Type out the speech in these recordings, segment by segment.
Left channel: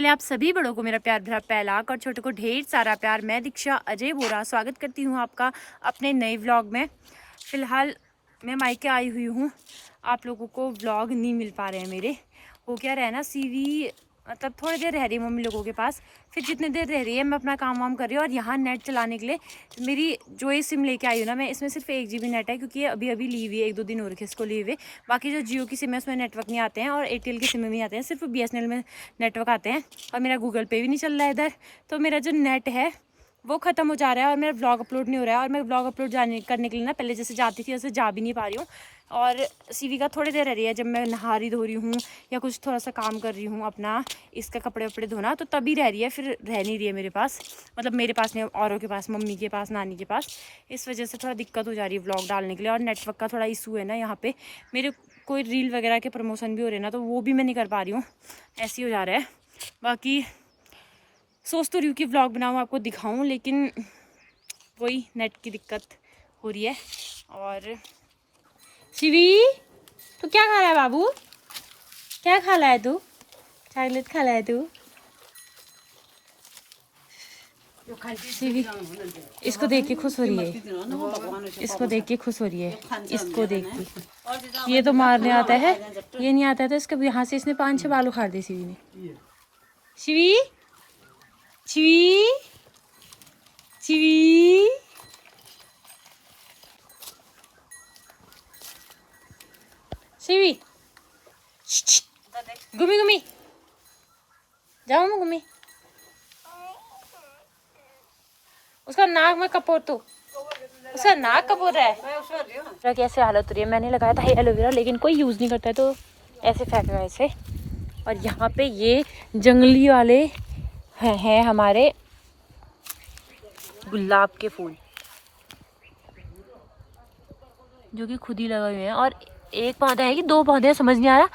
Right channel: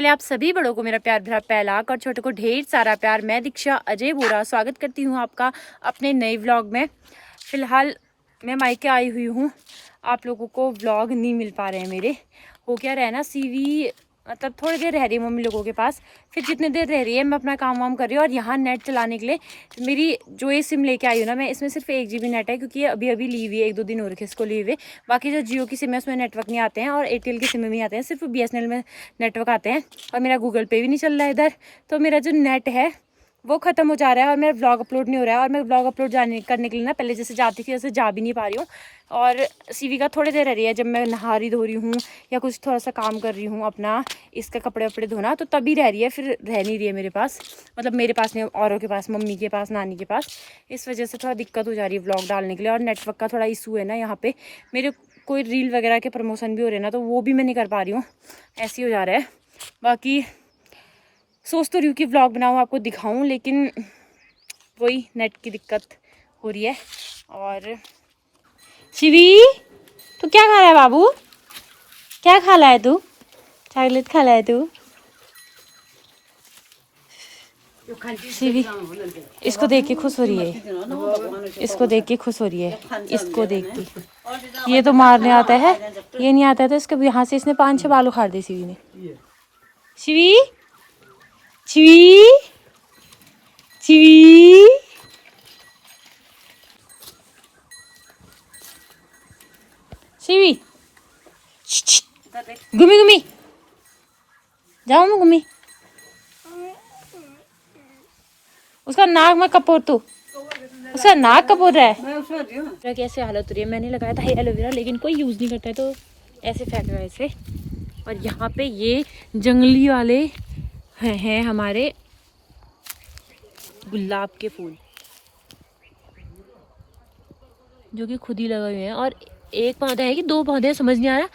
पहले आप सभी बड़ों को मेरा प्यार भरा पहलाक और छोटों को ढेर सारा प्यार। मैं दीक्षा अजय बोरा स्वागत करती हूँ आपका अपने नए व्लॉग में। फ़िलहाल मैं मायके आई हुई हूँ। आप लोगों को व्लॉग नहीं मिल पा रहे हैं मेरे। हो क्या रहा है ना, सीवी मतलब थोड़ी देर रह रही है मम्मी लोगों के पास, फिर जितनी देर रह रही है मैं अपना काम वाम कर रही हूँ। और यहाँ नेट चलाने के लिए मेरी जो ये सिम लेके आई हूँ ना मैं, इसमें सिर्फ 1 GB नेट है, क्योंकि ये अभी अभी ली हुई है, 1-2 दिन हो रखे इसको ली हुए। बाकी जो जियो की सिम है उसमें नेटवर्क नहीं आते हैं और एयरटेल की सिम में नहीं आते हैं, सिर्फ BSNL में नेटवर्क आते हैं। और मेरा गूगल पे भी नहीं चल रहा है इधर, तो मेरा जो नेट है वो ख़त्म हो जा रहा है और मेरा व्लॉग अपलोड नहीं हो रहा है। और मैं व्लॉग अपलोड करने के लिए ना पहले जैसे जाती थी वैसे जा भी नहीं पा रही हूँ। और सीवी का थोड़ी देर रह रही है, जब मैं नहा रही धो रही हूँ या कुछ थोड़ा सा काम कर रही हूँ अपना, इसका कपड़े वपड़े धोना, तो तभी रह रही है, फिर रह नहीं रही है मेरे पास। मतलब मेरे पास नहीं, औरों के पास, मम्मी के पास, नानी के पास। इस वजह से थोड़ा दिक्कत हो जा रही है व्लॉग डालने के लिए। और नेटवर्क का थोड़ा इशू है ना यहाँ पे। मेरे कोई रील वगैरह के प्रमोशन भी हो रहे हैं ना, तो वो भी मैं नहीं कर पा रही हूँ, ऐसे ही हो जा रहा है। बाकी सोच तो रही हूँ कि व्लॉग बनाऊँ, आपको दिखाऊँ, लेकिन वही नेट की दिक्कत हो रही है। और शिवी, तू क्या खा रहा है बाबू? क्या खा रहा है तू? चॉकलेट खा रहा है तू? शिवी इसको देख के खुश हो रही है, इसको देख के खुश हो रही है, इसको देख के। ये तो मारने आता है, ये नहीं आता है तो इसको यहाँ से इसने 5-6 बाल उखाड़ दी शिवी ने। शिवी, शिवी, शिवी, शिवी, घूमी घूमी जाओ मैं घूमी। उसका नाक में कपूर, तू उसका नाक कपूर रहा है। कैसे हालत हो रही है, मैंने लगाया था एलोवेरा लेकिन कोई यूज़ नहीं करता है तो ऐसे फेंक रहा है इसे। और यहाँ पे ये जंगली वाले हैं हमारे गुलाब के फूल, जो कि खुद ही लगे हुए हैं। और एक पौधा है कि 2 पौधे हैं समझ नहीं आ रहा,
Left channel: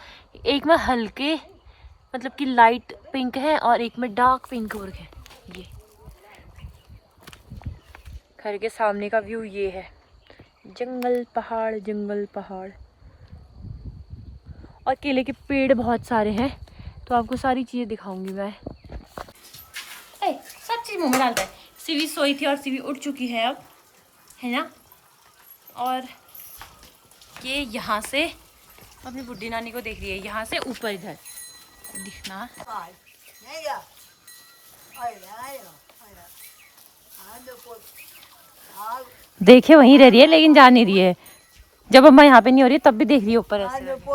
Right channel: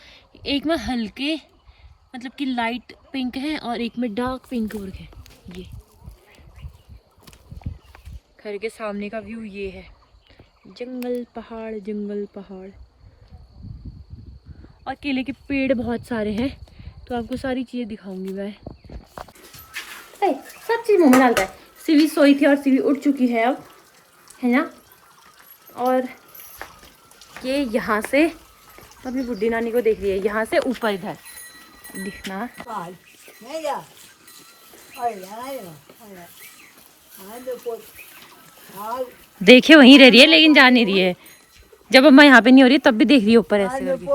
एक में हल्के मतलब कि लाइट पिंक है और एक में डार्क पिंक हो रखे हैं। ये घर के सामने का व्यू ये है, जंगल पहाड़ जंगल पहाड़। और केले के पेड़ बहुत सारे हैं, तो आपको सारी चीज़ें दिखाऊंगी मैं। सब चीज़ मुँह में डालता है। सीवी सोई थी और सीवी उठ चुकी है अब, है ना। और ये यहाँ से अपनी बुढ़ी नानी को देख रही है, यहाँ से ऊपर इधर दिखना। देखे वहीं रह रही है लेकिन जा नहीं रही है। जब अम्मा यहाँ पे नहीं हो रही तब भी देख रही है ऊपर ऐसे करके।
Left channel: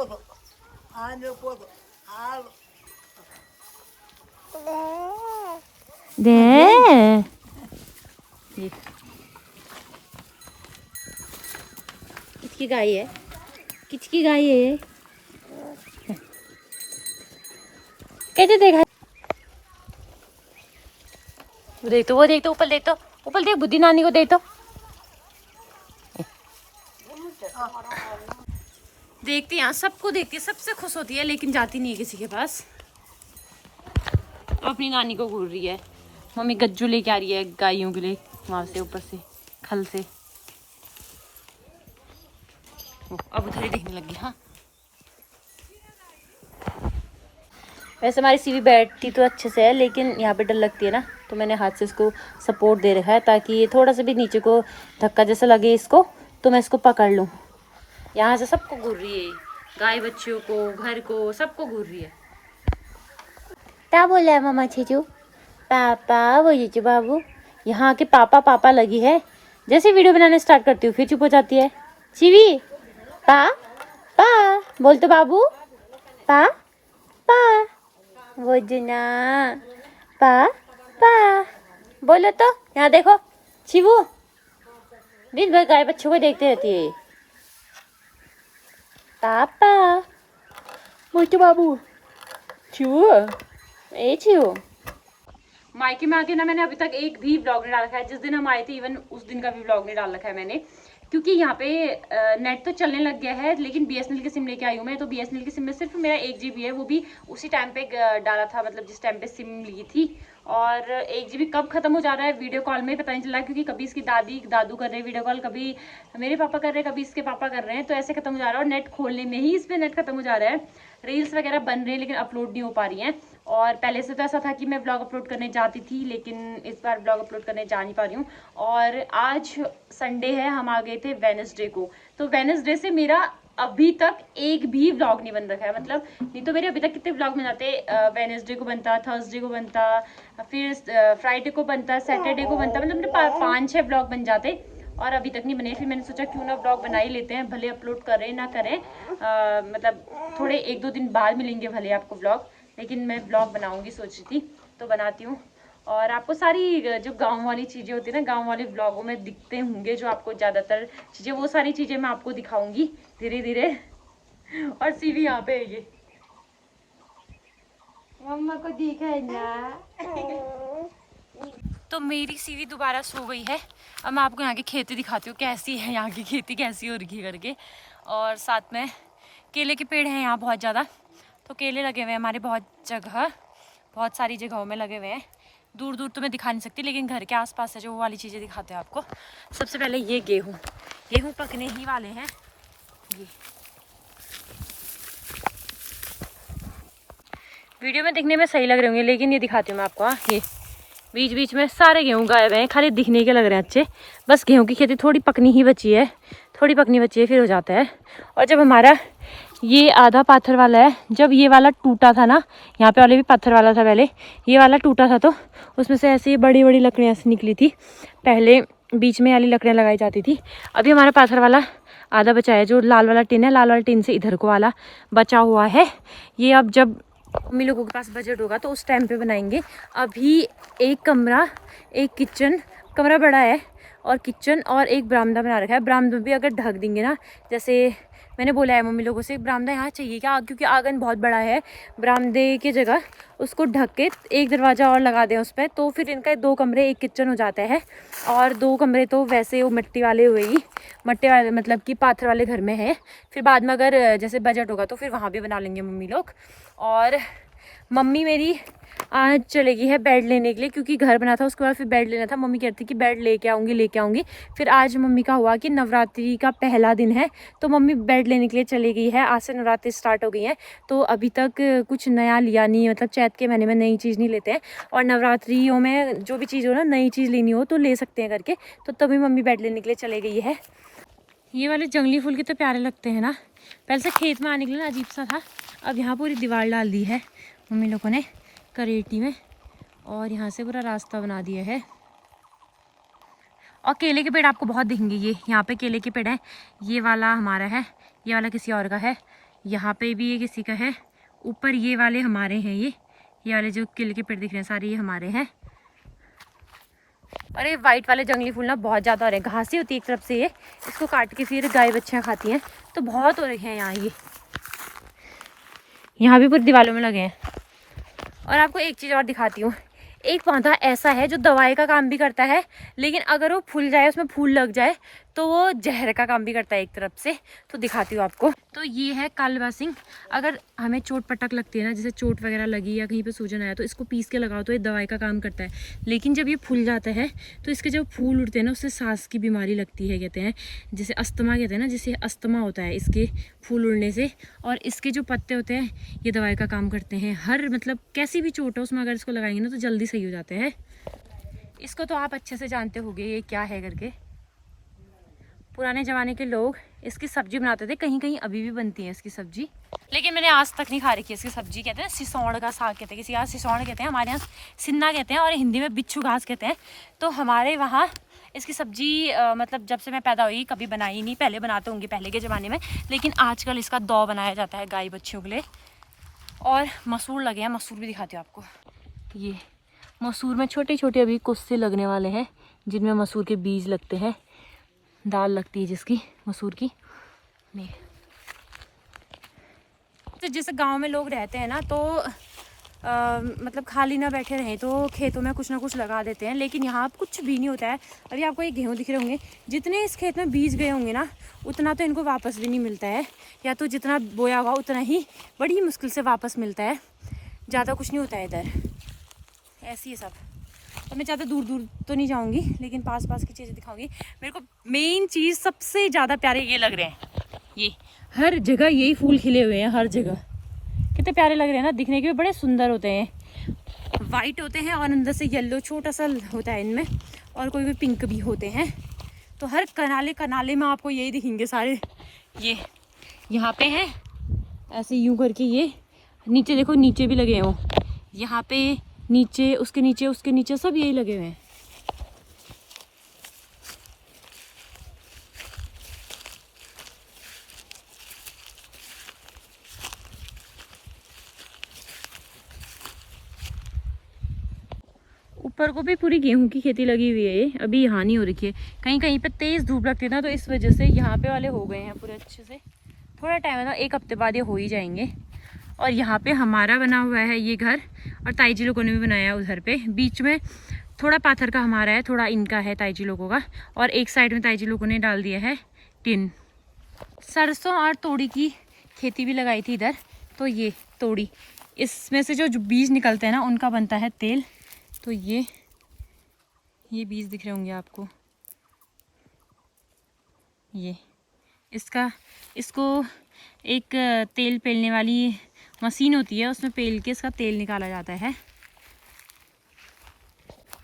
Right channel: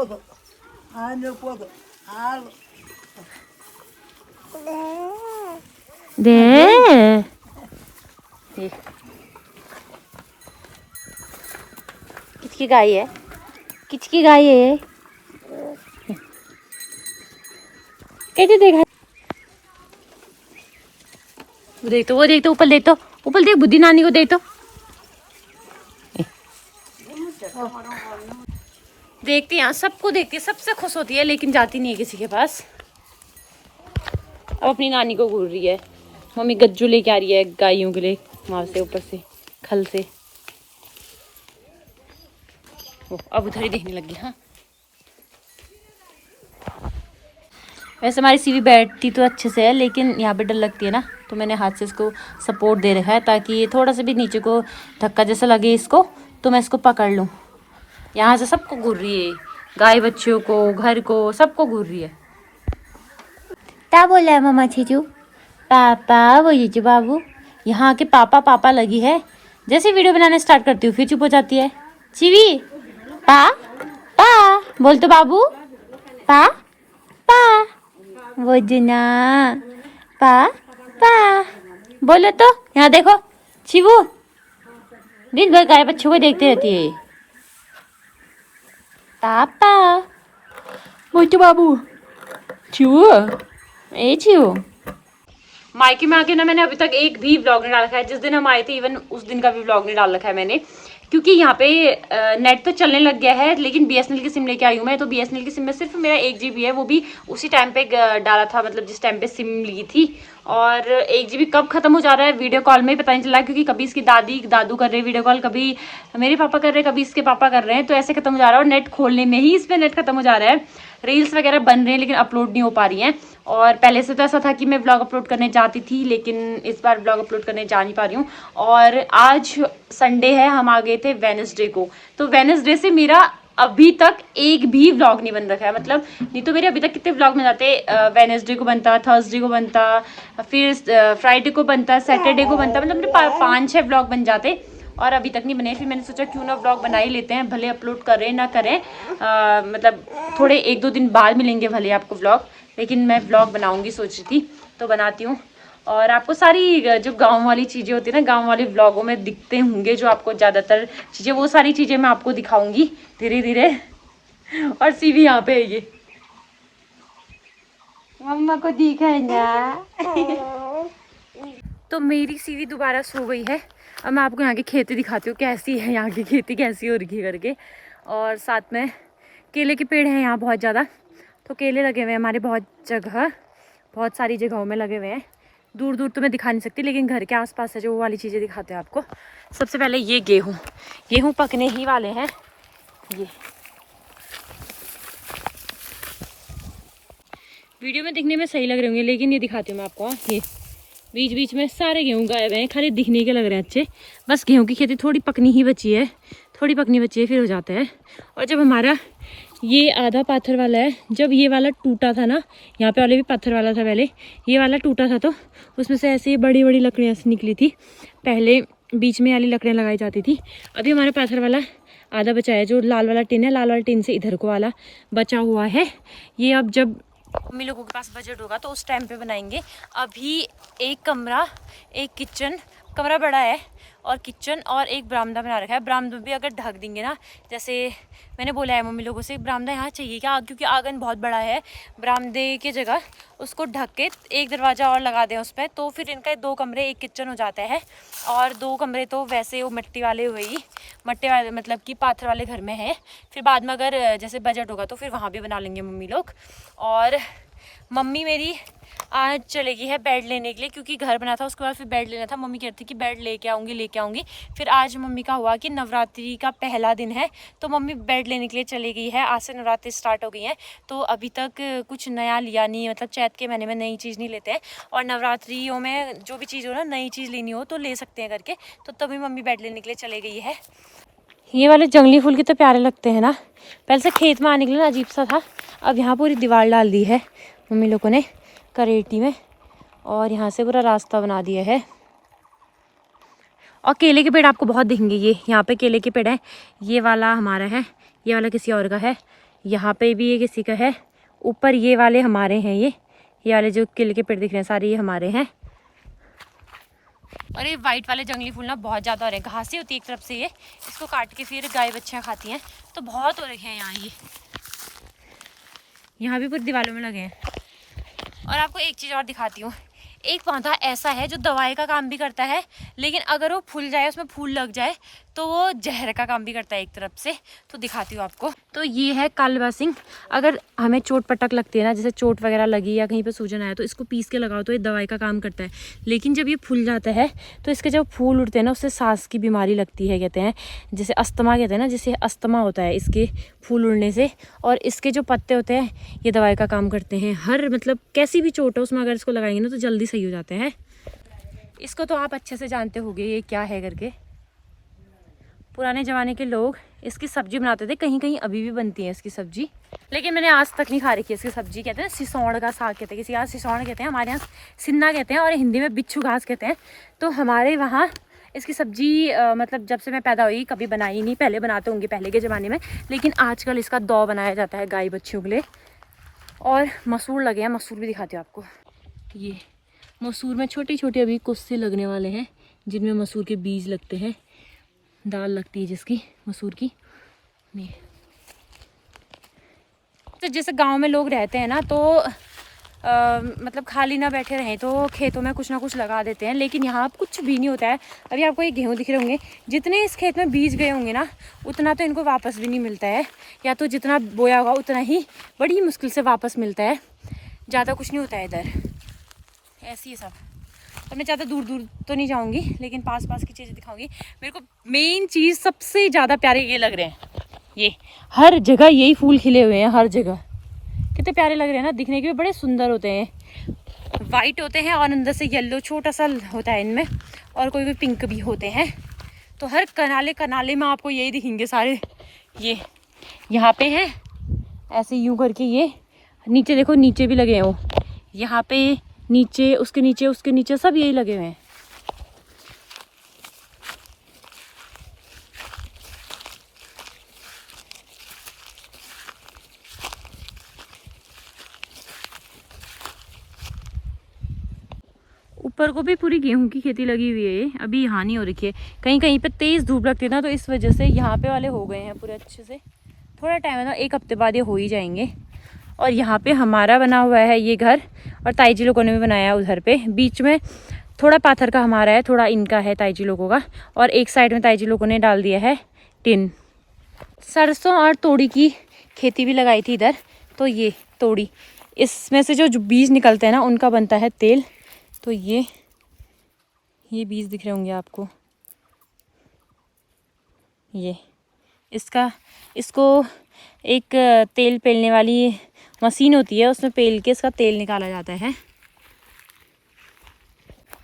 दे किसकी गाय है, किसकी गाय है? कैसे देखा? वो देख तो, वो देख तो, ऊपर देख तो, ऊपर देख, बुद्धि नानी को देख तो। देखती यहाँ सबको देखती है, सबसे खुश होती है, लेकिन जाती नहीं है किसी के पास। अब अपनी नानी को घूर रही है। मम्मी गज्जू लेके आ रही है गायों के लिए वहां से, ऊपर से खल से। अब उधर ही देखने लगी। हाँ वैसे हमारी सीवी बैठती तो अच्छे से है, लेकिन यहाँ पे डर लगती है ना, तो मैंने हाथ से इसको सपोर्ट दे रखा है ताकि ये थोड़ा सा भी नीचे को धक्का जैसा लगे इसको तो मैं इसको पकड़ लूँ। यहाँ से सबको घूर रही है, गाय बच्चियों को, घर को, सबको घूर रही है। क्या बोल रहा है मामा चीजू? पापा वो जीजू बाबू। यहाँ के पापा पापा लगी है, जैसे वीडियो बनाने स्टार्ट करती हूँ फिर चुप हो जाती है। सीवी पा पा बोल तो बाबू, पा पा वजना, पा पा बोलो तो। यहाँ देखो शिवू दिन भर गाय बच्चों को देखते रहती है। पापा बोल तो बाबू, शिवू ए शिवू। मायके में आके ना मैंने अभी तक एक भी व्लॉग नहीं डाल रखा है। जिस दिन हम आए थे इवन उस दिन का भी व्लॉग नहीं डाल रखा है मैंने, क्योंकि यहाँ पे नेट तो चलने लग गया है, लेकिन BSNL की सिम लेके आई हूँ मैं। तो BSNL की सिम में सिर्फ मेरा 1 GB है, वो भी उसी टाइम पे डाला था, मतलब जिस टाइम पे सिम ली थी। और 1 GB कब खत्म हो जा रहा है वीडियो कॉल में पता नहीं चल रहा, क्योंकि कभी इसकी दादी दादू कर रहे हैं वीडियो कॉल, कभी मेरे पापा कर रहे हैं, कभी इसके पापा कर रहे हैं, तो ऐसे खत्म हो जा रहा है। और नेट खोलने में ही इसमें नेट खत्म हो जा रहा है। रील्स वगैरह बन रहे हैं लेकिन अपलोड नहीं हो पा रही हैं। और पहले से तो ऐसा था कि मैं व्लॉग अपलोड करने जाती थी, लेकिन इस बार व्लॉग अपलोड करने जा नहीं पा रही हूँ। और आज संडे है, हम आ गए थे वेडनेसडे को, तो वेडनेसडे से मेरा अभी तक एक भी व्लॉग नहीं बन रखा है। मतलब नहीं तो मेरे अभी तक कितने व्लॉग बन जाते, वेडनेसडे को बनता, थर्सडे को बनता, फिर फ्राइडे को बनता, सैटरडे को बनता, मतलब मेरे 5-6 व्लॉग बन जाते और अभी तक नहीं बने। फिर मैंने सोचा क्यों ना व्लॉग बना ही लेते हैं, भले अपलोड करें ना करें, मतलब थोड़े 1-2 दिन बाद मिलेंगे भले आपको व्लॉग, लेकिन मैं व्लॉग बनाऊंगी सोच रही थी, तो बनाती हूँ। और आपको सारी जो गांव वाली चीज़ें होती है ना, गांव वाले व्लॉगों में दिखते होंगे जो आपको ज़्यादातर चीज़ें, वो सारी चीज़ें मैं आपको दिखाऊंगी धीरे धीरे। और सीवी यहाँ पे है, ये मम्मा को दिखाना। तो मेरी सीवी दोबारा सो गई है। अब मैं आपको यहाँ की खेती दिखाती हूँ कैसी है, यहाँ की खेती कैसी हो रही है करके। और साथ में केले के पेड़ हैं यहाँ बहुत ज़्यादा, तो केले लगे हुए हैं हमारे बहुत जगह, बहुत सारी जगहों में लगे हुए हैं। दूर दूर तो मैं दिखा नहीं सकती, लेकिन घर के आसपास है जो वो वाली चीज़ें दिखाते हैं आपको। सबसे पहले ये गेहूँ पकने ही वाले हैं। ये वीडियो में दिखने में सही लग रहे होंगे, लेकिन ये दिखाती हूँ मैं आपको। ये बीच बीच में सारे गेहूँ गाए हुए हैं, खाली दिखने के लग रहे हैं अच्छे। बस गेहूँ की खेती थोड़ी पकनी ही बची है, थोड़ी पकनी बची है, फिर हो जाता है। और जब हमारा ये आधा पाथर वाला है, जब ये वाला टूटा था ना, यहाँ पे वाले भी पत्थर वाला था पहले, ये वाला टूटा था तो उसमें से ऐसे बड़ी बड़ी लकड़ियाँ से निकली थी। पहले बीच में वाली लकड़ियाँ लगाई जाती थी। अभी हमारा पाथर वाला आधा बचा है, जो लाल वाला टिन है, लाल वाला टिन से इधर को वाला बचा हुआ है। ये अब जब मम्मी लोगों के पास बजट होगा तो उस टाइम पे बनाएंगे। अभी एक कमरा, एक किचन, कमरा बड़ा है और किचन और एक बरामदा बना रखा है। बरामदा भी अगर ढक देंगे ना, जैसे मैंने बोला है मम्मी लोगों से, बरामदा यहाँ चाहिए क्या, क्योंकि आंगन बहुत बड़ा है, बरामदे की जगह उसको ढक के एक दरवाज़ा और लगा दें उस पर, तो फिर इनका 2 कमरे 1 किचन हो जाता है। और 2 कमरे तो वैसे वो मिट्टी वाले हुए ही, मट्टी वाले मतलब कि पाथर वाले घर में है। फिर बाद में अगर जैसे बजट होगा तो फिर वहाँ भी बना लेंगे मम्मी लोग। और मम्मी मेरी आज चलेगी है बेड लेने के लिए, क्योंकि घर बना था उसके बाद फिर बेड लेना था। मम्मी कहती कि बेड लेके आऊँगी। फिर आज मम्मी का हुआ कि नवरात्रि का पहला दिन है, तो मम्मी बेड लेने के लिए चली गई है। आज से नवरात्रि स्टार्ट हो गई है, तो अभी तक कुछ नया लिया नहीं, मतलब चैत के महीने में नई चीज़ नहीं लेते हैं। और नवरात्रियों में जो भी चीज़ हो ना, नई चीज़ लेनी हो तो ले सकते हैं करके, तो तभी मम्मी बेड लेने के लिए चली गई है। ये वाले जंगली फूल कितने प्यारे लगते हैं ना। पहले से खेत में आने के लिए अजीब सा था, अब यहाँ पूरी दीवार डाल दी है मम्मी लोगों ने करेटी में, और यहाँ से पूरा रास्ता बना दिया है। और केले के पेड़ आपको बहुत दिखेंगे, ये यहाँ पे केले के पेड़ हैं। ये वाला हमारा है, ये वाला किसी और का है, यहाँ पे भी ये किसी का है, ऊपर ये वाले हमारे हैं। ये वाले जो केले के पेड़ दिख रहे हैं सारे ये हमारे हैं। और ये वाइट वाले जंगली फूल ना बहुत ज़्यादा हो रहे हैं, घास ही होती है एक तरफ से, ये इसको काट के फिर गाय बच्चियाँ खाती हैं, तो बहुत हो रहे हैं यहाँ। ये यहाँ भी पूरी दीवारों में लगे हैं। और आपको एक चीज़ और दिखाती हूँ, एक पौधा ऐसा है जो दवाई का काम भी करता है, लेकिन अगर वो फूल जाए, उसमें फूल लग जाए, तो वो जहर का काम भी करता है एक तरफ से। तो दिखाती हूँ आपको। तो ये है कालबासिंग। अगर हमें चोट पटक लगती है ना, जैसे चोट वगैरह लगी या कहीं पे सूजन आया, तो इसको पीस के लगाओ तो ये दवाई का काम करता है। लेकिन जब ये फूल जाता है तो इसके जब फूल उड़ते हैं ना, उससे सांस की बीमारी लगती है, कहते हैं जैसे अस्थमा, कहते हैं ना, जैसे अस्थमा होता है इसके फूल उड़ने से। और इसके जो पत्ते होते हैं ये दवाई का काम करते हैं। हर मतलब कैसी भी चोट हो उसमें अगर इसको लगाएंगे ना तो जल्दी सही हो जाते हैं। इसको तो आप अच्छे से जानते होंगे ये क्या है करके। पुराने ज़माने के लोग इसकी सब्जी बनाते थे, कहीं कहीं अभी भी बनती है इसकी सब्जी, लेकिन मैंने आज तक नहीं खा रखी इसकी सब्जी। कहते हैं सिसौड़ का साग कहते हैं, किसी यहाँ सिसौड़ कहते हैं, हमारे यहाँ सिन्ना कहते हैं, और हिंदी में बिच्छू घास कहते हैं। तो हमारे वहाँ इसकी सब्जी मतलब जब से मैं पैदा हुई कभी बनाई नहीं, पहले बनाते होंगे पहले के ज़माने में, लेकिन आजकल इसका दौ बनाया जाता है गाय बच्चियों के लिए। और मसूर लगे हैं, मसूर भी दिखाती हूँ आपको। ये मसूर में छोटे छोटे अभी कुस्से लगने वाले हैं, जिनमें मसूर के बीज लगते हैं, दाल लगती है जिसकी मसूर की। नहीं तो जैसे गांव में लोग रहते हैं ना, तो मतलब खाली ना बैठे रहें तो खेतों में कुछ ना कुछ लगा देते हैं, लेकिन यहाँ अब कुछ भी नहीं होता है। अभी आपको ये गेहूँ दिख रहे होंगे, जितने इस खेत में बीज गए होंगे ना, उतना तो इनको वापस भी नहीं मिलता है, या तो जितना बोया होगा उतना ही बड़ी मुश्किल से वापस मिलता है, ज़्यादा कुछ नहीं होता है इधर। ऐसी है सब। तो मैं ज़्यादा दूर दूर तो नहीं जाऊँगी, लेकिन पास पास की चीज़ें दिखाऊंगी। मेरे को मेन चीज़ सबसे ज़्यादा प्यारे ये लग रहे हैं, ये हर जगह यही फूल खिले हुए हैं, हर जगह। कितने प्यारे लग रहे हैं ना, दिखने के भी बड़े सुंदर होते हैं। वाइट होते हैं और अंदर से येलो छोटा सा होता है इनमें, और कोई कोई पिंक भी होते हैं। तो हर कनाले कनाले में आपको यही दिखेंगे सारे। ये यहाँ पे हैं ऐसे यूं करके, ये नीचे देखो, नीचे भी लगे हैं वो, यहाँ पे नीचे, उसके नीचे सब यही लगे हुए हैं। ऊपर को भी पूरी गेहूं की खेती लगी हुई है, अभी यहाँ नहीं हो रखी है। कहीं कहीं पे तेज धूप लगती है ना, तो इस वजह से यहाँ पे वाले हो गए हैं पूरे अच्छे से। थोड़ा टाइम है ना, 1 हफ्ते बाद ये हो ही जाएंगे। और यहाँ पे हमारा बना हुआ है ये घर, और ताई जी लोगों ने भी बनाया उधर पे। बीच में थोड़ा पाथर का हमारा है, थोड़ा इनका है ताई जी लोगों का, और एक साइड में ताई जी लोगों ने डाल दिया है टिन। सरसों और तोड़ी की खेती भी लगाई थी इधर। तो ये तोड़ी, इसमें से जो बीज निकलते हैं ना, उनका बनता है तेल। तो ये बीज दिख रहे होंगे आपको, ये इसको एक तेल पेलने वाली मशीन होती है, उसमें पेल के इसका तेल निकाला जाता है।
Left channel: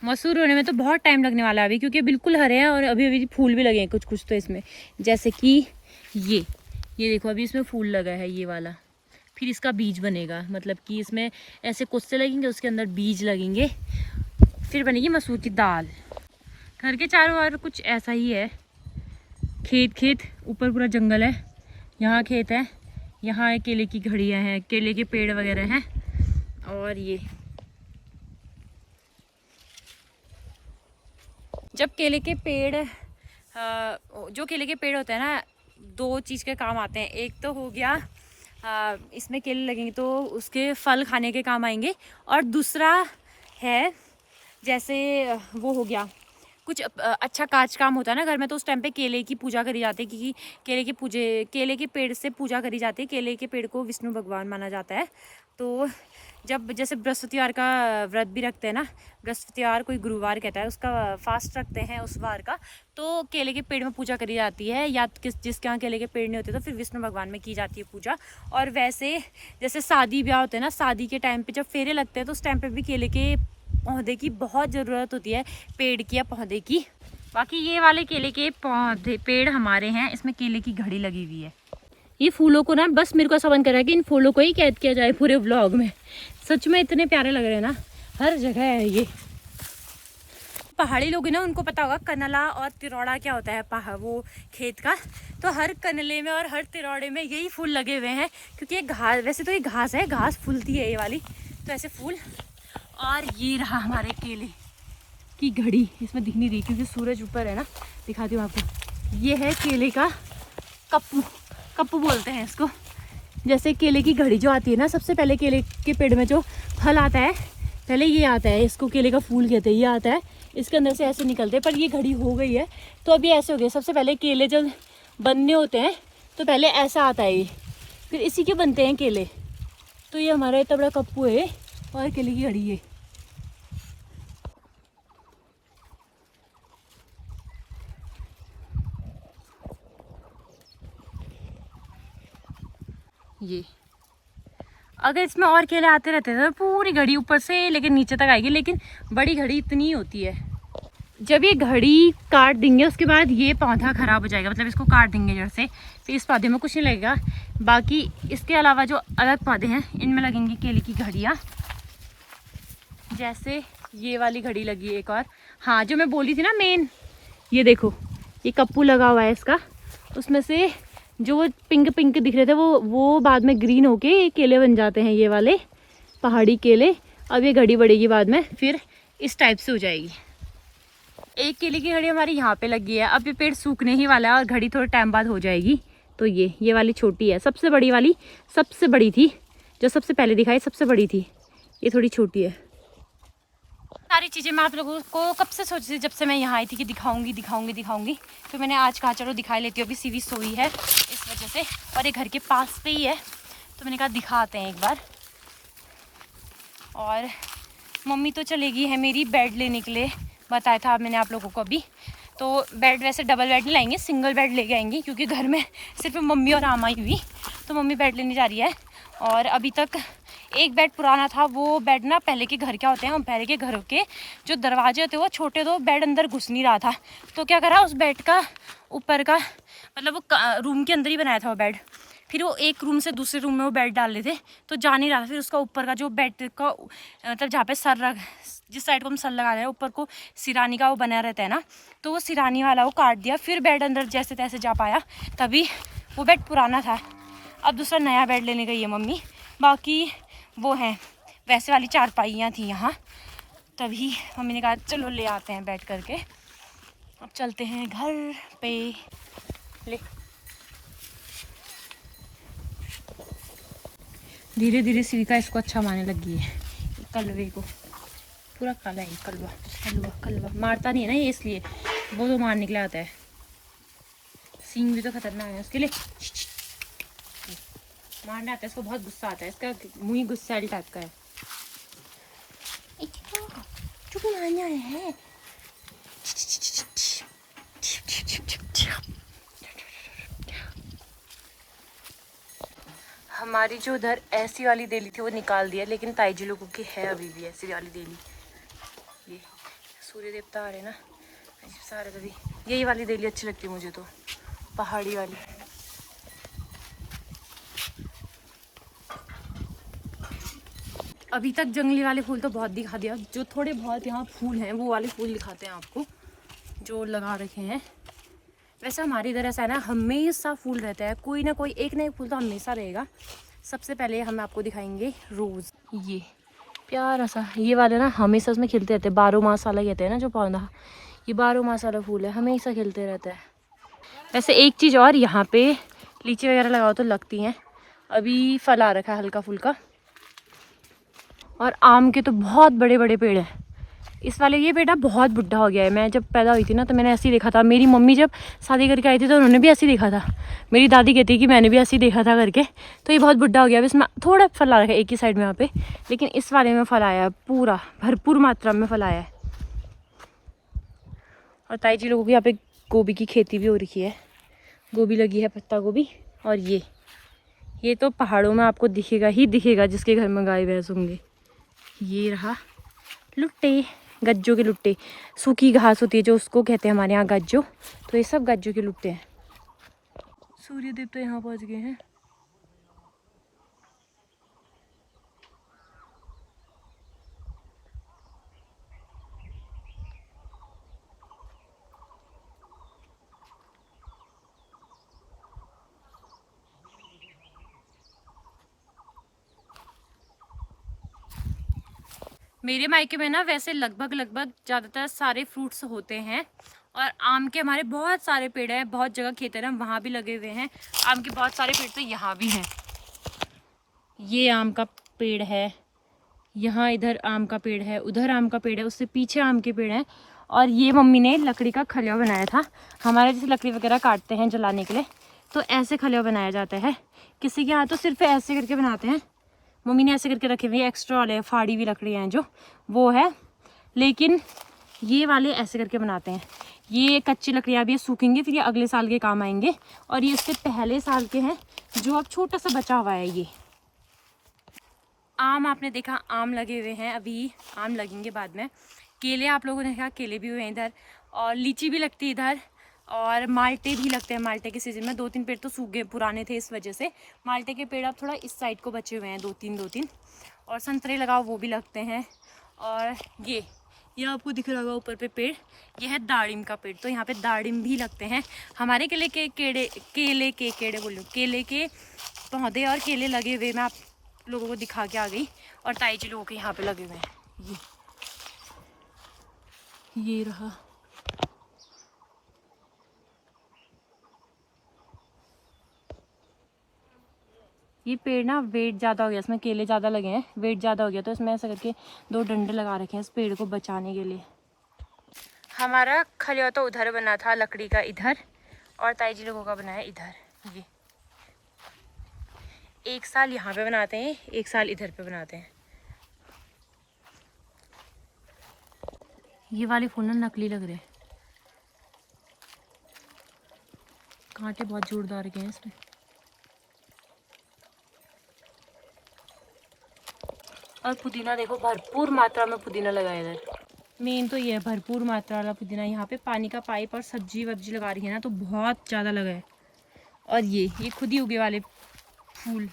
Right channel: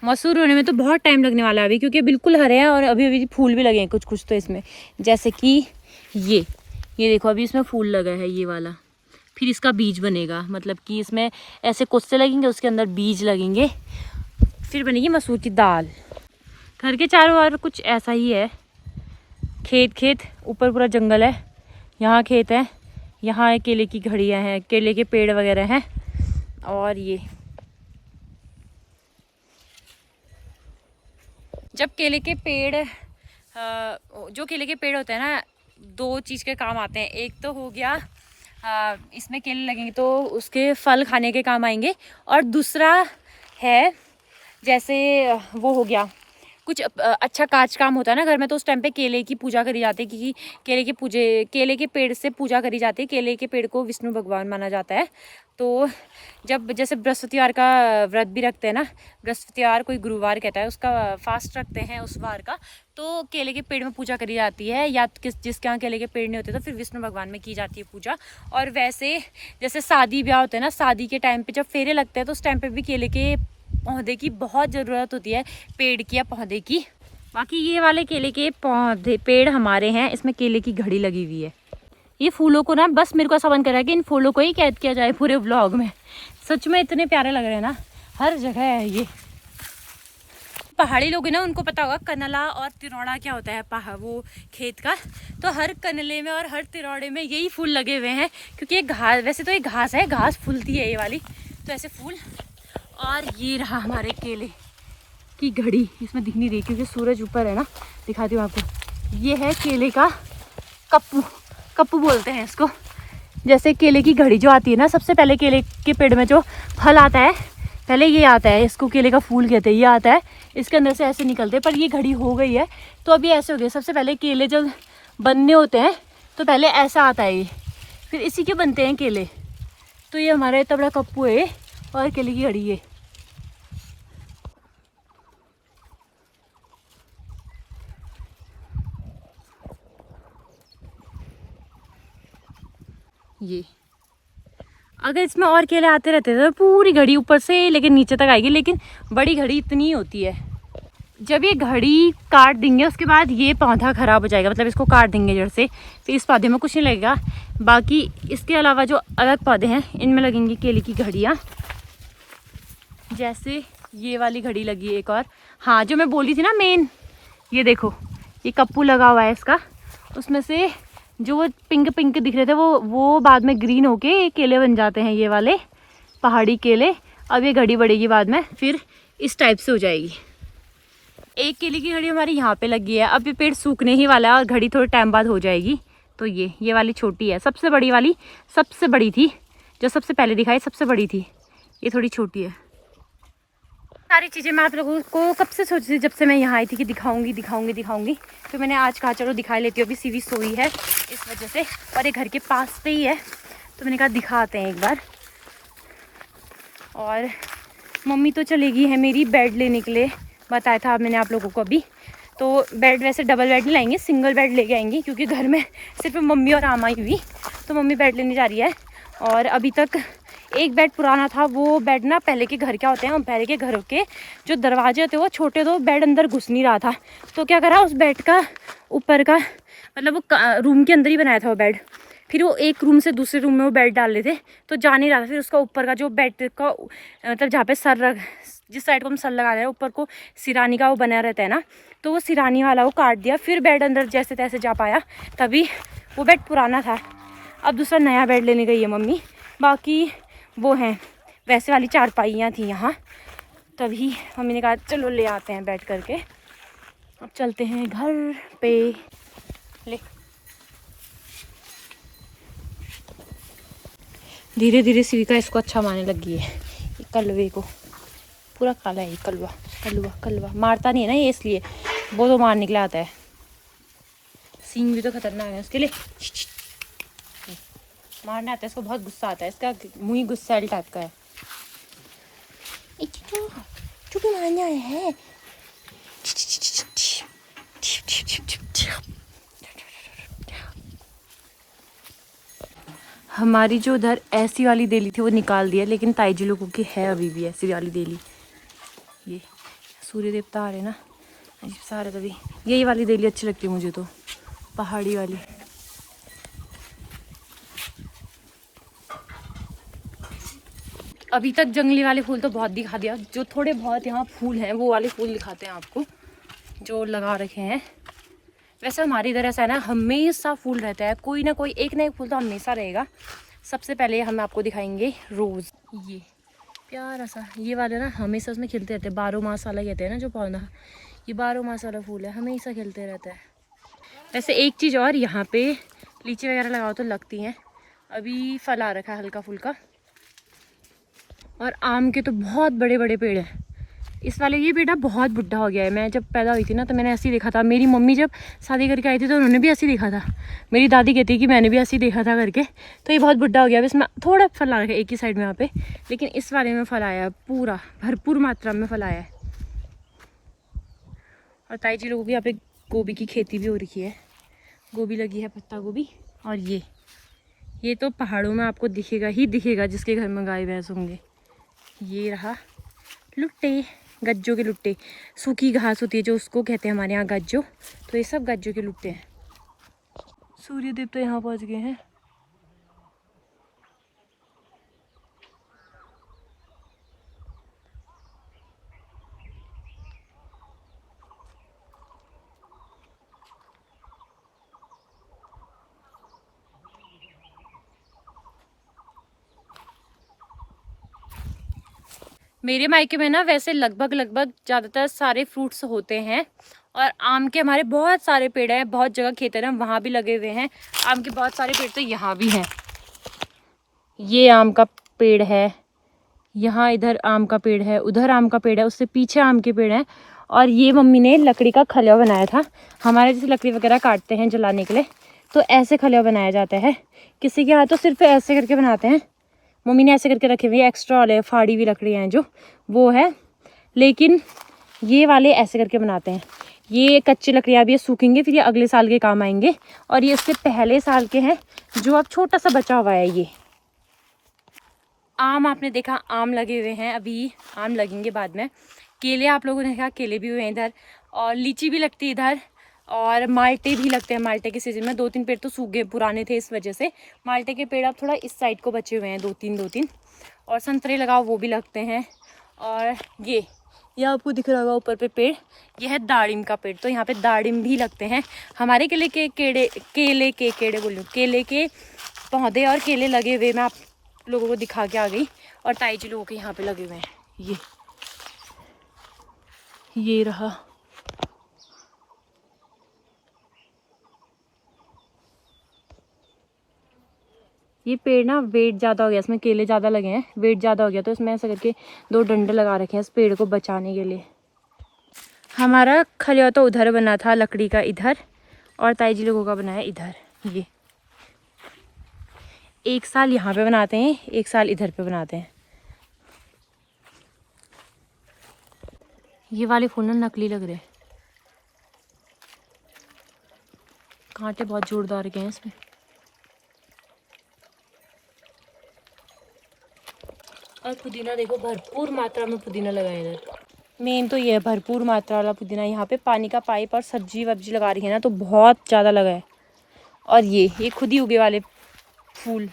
मसूर होने में तो बहुत टाइम लगने वाला है अभी, क्योंकि बिल्कुल हरे हैं और अभी अभी फूल भी लगे हैं कुछ कुछ तो इसमें। जैसे कि ये देखो, अभी इसमें फूल लगा है ये वाला। फिर इसका बीज बनेगा, मतलब कि इसमें ऐसे कोस्ते लगेंगे, उसके अंदर बीज लगेंगे, फिर बनेगी मसूर की दाल। घर के चारों ओर कुछ ऐसा ही है, खेत ऊपर पूरा जंगल है, यहाँ खेत है, यहाँ केले की घड़ियाँ हैं, केले के पेड़ वगैरह हैं। और ये जब केले के पेड़ जो केले के पेड़ होते हैं ना, 2 चीज़ के काम आते हैं। एक तो हो गया इसमें केले लगेंगे तो उसके फल खाने के काम आएंगे, और दूसरा है जैसे वो हो गया कुछ अच्छा काज काम होता है ना घर में, तो उस टाइम पे केले की पूजा करी जाती है, क्योंकि केले के पेड़ से पूजा करी जाती है। केले के पेड़ को विष्णु भगवान माना जाता है। तो जब जैसे बृहस्पतिवार का व्रत भी रखते हैं ना, बृहस्पतिवार कोई गुरुवार कहता है, उसका फास्ट रखते हैं उस वार का, तो केले के पेड़ में पूजा करी जाती है। या जिसके यहाँ केले के पेड़ नहीं होते तो फिर विष्णु भगवान में की जाती है पूजा। और वैसे जैसे शादी ब्याह होते हैं ना, शादी के टाइम पे जब फेरे लगते हैं तो उस टाइम पे भी केले के पौधे की बहुत ज़रूरत होती है, पेड़ की या पौधे की। बाकी ये वाले केले के पौधे पेड़ हमारे हैं, इसमें केले की घड़ी लगी हुई है। ये फूलों को ना, बस मेरे को ऐसा मन कर रहा है कि इन फूलों को ही कैद किया जाए पूरे व्लॉग में। सच में इतने प्यारे लग रहे हैं ना, हर जगह है ये। पहाड़ी लोग हैं ना, उनको पता होगा कनला और तिरौड़ा क्या होता है, वो खेत का। तो हर कनले में और हर तिरौड़े में यही फूल लगे हुए हैं, क्योंकि ये घास, वैसे तो ये घास है, घास फूलती है ये वाली, तो ऐसे फूल। और ये रहा हमारे केले की घड़ी, इसमें दिख नहीं रही क्योंकि सूरज ऊपर है ना, दिखाती हूँ आपको। ये है केले का कप्पू बोलते हैं इसको। जैसे केले की घड़ी जो आती है ना, सबसे पहले केले के पेड़ में जो फल आता है, पहले ये आता है, इसको केले का फूल कहते हैं। ये आता है, इसके अंदर से ऐसे निकलते हैं, पर ये घड़ी हो गई है तो अभी ऐसे हो गए। सबसे पहले केले जब बनने होते हैं तो पहले ऐसा आता है ये, फिर इसी के बनते हैं केले। तो ये हमारा इतना बड़ा कप्पू है और केले की घड़ी है। ये अगर इसमें और केले आते रहते तो पूरी घड़ी ऊपर से लेकिन नीचे तक आएगी, लेकिन बड़ी घड़ी इतनी ही होती है। जब ये घड़ी काट देंगे उसके बाद ये पौधा खराब हो जाएगा, मतलब इसको काट देंगे जड़ से, तो इस पौधे में कुछ नहीं लगेगा। बाकी इसके अलावा जो अलग पौधे हैं इनमें लगेंगी केले की घड़ियाँ। जैसे ये वाली घड़ी लगी है एक और, हाँ जो मैं बोली थी ना मेन, ये देखो ये कप्पू लगा हुआ है इसका, उसमें से जो पिंक पिंक दिख रहे थे वो बाद में ग्रीन होके ये केले बन जाते हैं, ये वाले पहाड़ी केले। अब ये घड़ी बढ़ेगी बाद में, फिर इस टाइप से हो जाएगी। एक केले की घड़ी हमारी यहाँ पे लगी है, अब ये पेड़ सूखने ही वाला है और घड़ी थोड़े टाइम बाद हो जाएगी। तो ये वाली छोटी है, सबसे बड़ी वाली सबसे बड़ी थी, जो सबसे पहले दिखाई सबसे बड़ी थी, ये थोड़ी छोटी है। सारी चीज़ें मैं आप लोगों को कब से सोची थी, जब से मैं यहाँ आई थी कि दिखाऊंगी। तो मैंने आज कहा चलो दिखा लेती हूँ। अभी सीवी सोई है इस वजह से, और ये घर के पास पे ही है, तो मैंने कहा दिखाते हैं एक बार। और मम्मी तो चलेगी है मेरी बेड लेने के लिए, बताया था मैंने आप लोगों को अभी। तो बेड वैसे डबल बेड नहीं लाएंगे, सिंगल बेड लेके आएंगे क्योंकि घर में सिर्फ मम्मी और आमा ही हुई, तो मम्मी बेड लेने जा रही है। और अभी तक एक बेड पुराना था, वो बेड ना पहले के घर क्या होते हैं, पहले के घरों के जो दरवाजे होते हैं वो छोटे, तो बेड अंदर घुस नहीं रहा था। तो क्या करा, उस बेड का ऊपर का मतलब वो रूम के अंदर ही बनाया था वो बेड, फिर वो एक रूम से दूसरे रूम में वो बेड डाल रहे थे तो जा नहीं रहा था। फिर उसका ऊपर का जो बेड का मतलब जहाँ पे सर रख, जिस साइड को हम सर लगा रहे हैं ऊपर को सिरानी का वो बना रहता है ना, तो वो सिरानी वाला वो काट दिया, फिर बेड अंदर जैसे तैसे जा पाया, तभी वो बेड पुराना था। अब दूसरा नया बेड लेने गई है मम्मी। बाकी वो हैं वैसे वाली चारपाइयाँ थी यहाँ, तभी मम्मी ने कहा चलो ले आते हैं बेड करके। अब चलते हैं घर पे। ले धीरे धीरे सिविका इसको अच्छा मारने लगी है, कलवे को। पूरा काला है कलवा, कलवा कलवा मारता नहीं है ना ये, इसलिए वो तो मार निकला आता है। सींग भी तो खतरनाक है उसके लिए, मारना आता है इसको, बहुत गुस्सा आता है इसका, मुंह ही गुस्सैल टाइप का है। चुप मारने आया है। हमारी जो उधर ऐसी वाली देली थी वो निकाल दिया, लेकिन ताईजी लोगों की है अभी भी ऐसी वाली देली। ये सूर्य देवता आ रहे ना सारे, तभी यही वाली देली अच्छी लगती है मुझे तो, पहाड़ी वाली। अभी तक जंगली वाले फूल तो बहुत दिखा दिया, जो थोड़े बहुत यहाँ फूल हैं वो वाले फूल दिखाते हैं आपको जो लगा रखे हैं। वैसे हमारी इधर ऐसा है ना, हमेशा फूल रहता है, कोई ना कोई एक ना एक फूल तो हमेशा रहेगा। सबसे पहले हम आपको दिखाएंगे रोज़, ये प्यारा सा, ये वाले ना हमेशा उसमें खिलते रहते हैं, 12 मास वाला कहते हैं ना जो पौधा, ये 12 मास वाला फूल है, हमेशा खिलते रहता है। वैसे एक चीज़ और, यहाँ पे लीची वगैरह लगाओ तो लगती हैं, अभी फल आ रखा है हल्का फुल्का। और आम के तो बहुत बड़े बड़े पेड़ हैं। इस वाले ये बेटा बहुत बुढ़ा हो गया है, मैं जब पैदा हुई थी ना तो मैंने ऐसे ही देखा था, मेरी मम्मी जब शादी करके आई थी तो उन्होंने भी ऐसे ही देखा था, मेरी दादी कहती है कि मैंने भी ऐसे ही देखा था करके। तो ये बहुत बुढ़ा हो गया है, इसमें थोड़ा फल आ रखा है एक ही साइड में यहाँ पे, लेकिन इस वाले में फल आया है, पूरा भरपूर मात्रा में फल आया है। और ताई जी लोगों की यहाँ पे गोभी की खेती भी हो रखी है, गोभी लगी है, पत्ता गोभी। और ये तो पहाड़ों में आपको दिखेगा ही दिखेगा जिसके घर में गाय भैंस होंगे। ये रहा लुट्टे, गज्जों के लुट्टे, सूखी घास होती है जो, उसको कहते हैं हमारे यहाँ गज्जो, तो ये सब गज्जों के लुट्टे हैं। सूर्यदेव तो यहाँ पहुँच गए हैं। मेरे मायके में ना वैसे लगभग ज़्यादातर सारे फ्रूट्स होते हैं, और आम के हमारे बहुत सारे पेड़ हैं, बहुत जगह खेत है ना वहाँ भी लगे हुए हैं आम के बहुत सारे पेड़, तो यहाँ भी हैं। ये आम का पेड़ है, यहाँ इधर आम का पेड़ है, उधर आम का पेड़ है, उससे पीछे आम के पेड़ हैं। और ये मम्मी ने लकड़ी का खलिया बनाया था, हमारे जैसे लकड़ी वगैरह काटते हैं जलाने के लिए, तो ऐसे खलिया बनाया जाता है। किसी के यहाँ तो सिर्फ ऐसे करके बनाते हैं, मम्मी ने ऐसे करके रखे हुए, एक्स्ट्रा वाले फाड़ी हुई लकड़ियाँ हैं जो वो है, लेकिन ये वाले ऐसे करके बनाते हैं। ये कच्ची लकड़ियाँ भी सूखेंगे, फिर ये अगले साल के काम आएंगे। और ये उससे पहले साल के हैं जो अब छोटा सा बचा हुआ है। ये आम आपने देखा, आम लगे हुए हैं, अभी आम लगेंगे बाद में। केले आप लोगों ने देखा, केले भी हुए हैं इधर, और लीची भी लगती है इधर, और माल्टे भी लगते हैं। माल्टे के सीजन में 2-3 पेड़ तो सूख गए, पुराने थे इस वजह से। माल्टे के पेड़ अब थोड़ा इस साइड को बचे हुए हैं, 2-3। और संतरे लगाओ वो भी लगते हैं। और ये आपको दिख रहा होगा ऊपर पे पेड़, ये है दाड़िम का पेड़, तो यहाँ पे दाड़िम भी लगते हैं। हमारे केले के पौधे और केले लगे हुए मैं आप लोगों को दिखा के आ गई। और ताई जी लोगों के यहाँ पे लगे हुए हैं। ये रहा, ये पेड़ ना वेट ज़्यादा हो गया, इसमें केले ज़्यादा लगे हैं, वेट ज़्यादा हो गया, तो इसमें ऐसा करके 2 डंडे लगा रखे हैं इस पेड़ को बचाने के लिए। हमारा खलिया तो उधर बना था लकड़ी का इधर, और ताई जी लोगों का बनाया इधर। ये एक साल यहाँ पे बनाते हैं, एक साल इधर पे बनाते हैं। ये वाले फूल ना नकली लग रहे हैं, कांटे बहुत जोरदार के हैं इसमें। और पुदीना देखो, भरपूर मात्रा में पुदीना लगा है इधर। मेन तो ये है भरपूर मात्रा वाला पुदीना। यहाँ पे पानी का पाइप और सब्जी वब्जी लगा रही है ना, तो बहुत ज़्यादा लगा है। और ये खुद ही उगे वाले फूल।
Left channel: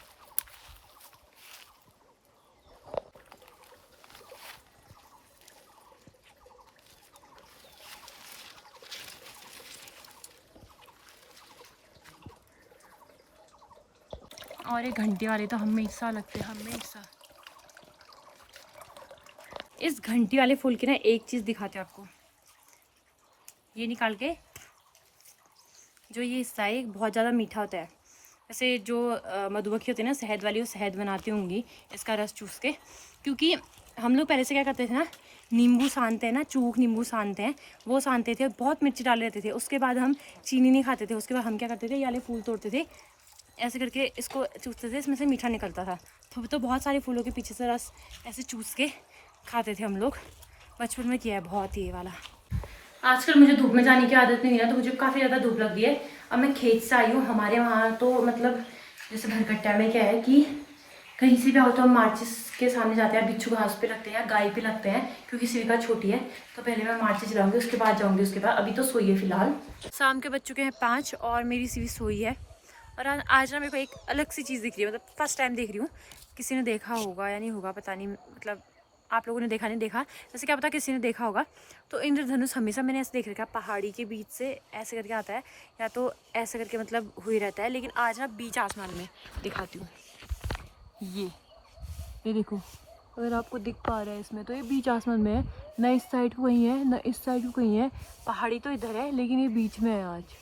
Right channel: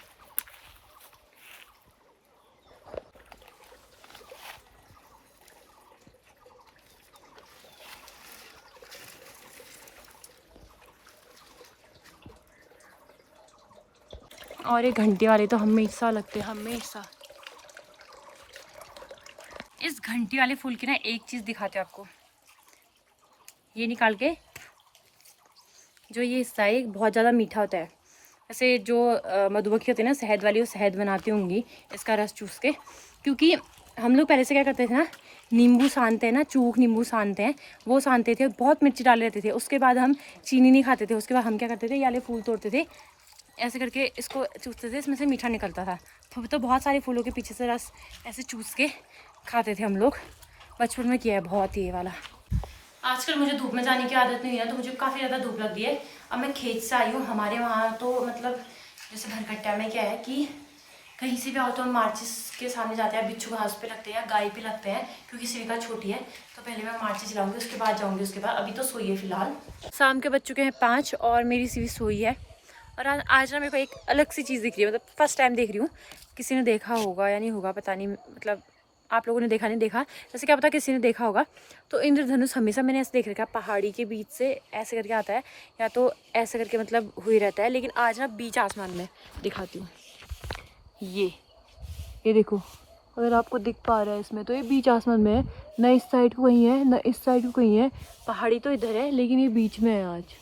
और ये घंटे वाले तो हमेशा लगते हैं, हमेशा। इस घंटी वाले फूल की ना एक चीज़ दिखाते हो आपको, ये निकाल के। जो ये हिस्सा है बहुत ज़्यादा मीठा होता है। ऐसे जो मधुमक्खी होती है ना शहद वाली, वो शहद बनाती होंगी इसका रस चूस के। क्योंकि हम लोग पहले से क्या करते थे ना, नींबू सानते हैं ना, चूक नींबू सानते हैं, वो सानते थे, बहुत मिर्ची डाले रहते थे। उसके बाद हम चीनी नहीं खाते थे। उसके बाद हम क्या करते थे, ये वाले फूल तोड़ते थे, ऐसे करके इसको चूसते थे, इसमें से मीठा निकलता था। तो बहुत सारे फूलों के पीछे से रस ऐसे चूस के खाते थे हम लोग। बचपन में किया है बहुत ये वाला। आजकल मुझे धूप में जाने की आदत नहीं है, तो मुझे काफ़ी ज़्यादा धूप लग रही है। अब मैं खेत से आई हूँ। हमारे वहाँ तो मतलब जैसे भरकट्टा में क्या है कि कहीं से भी आओ तो हम मार्चिस के सामने जाते हैं, बिच्छू घास पे लगते हैं, गाय पे लगते हैं, क्योंकि सिविका छोटी है। तो पहले मैं मार्चिस जलाऊंगी, उसके बाद जाऊँगी। उसके बाद अभी तो सोई है फिलहाल। शाम के बज चुके हैं 5 और मेरी सिवी सोई है। और आज ना मेरे को एक अलग सी चीज़ दिख रही है, मतलब फर्स्ट टाइम देख रही हूँ। किसी ने देखा होगा या नहीं होगा पता नहीं, मतलब आप लोगों ने देखा नहीं देखा, जैसे क्या पता किसी ने देखा होगा। तो इंद्रधनुष हमेशा मैंने ऐसे देख रखा है, पहाड़ी के बीच से ऐसे करके आता है, या तो ऐसे करके मतलब हुई रहता है। लेकिन आज ना बीच आसमान में दिखाती हूँ। ये देखो, अगर आपको दिख पा रहा है इसमें, तो ये बीच आसमान में है। न इस साइड को कहीं है, न इस साइड को कहीं है। पहाड़ी तो इधर है, लेकिन ये बीच में है आज।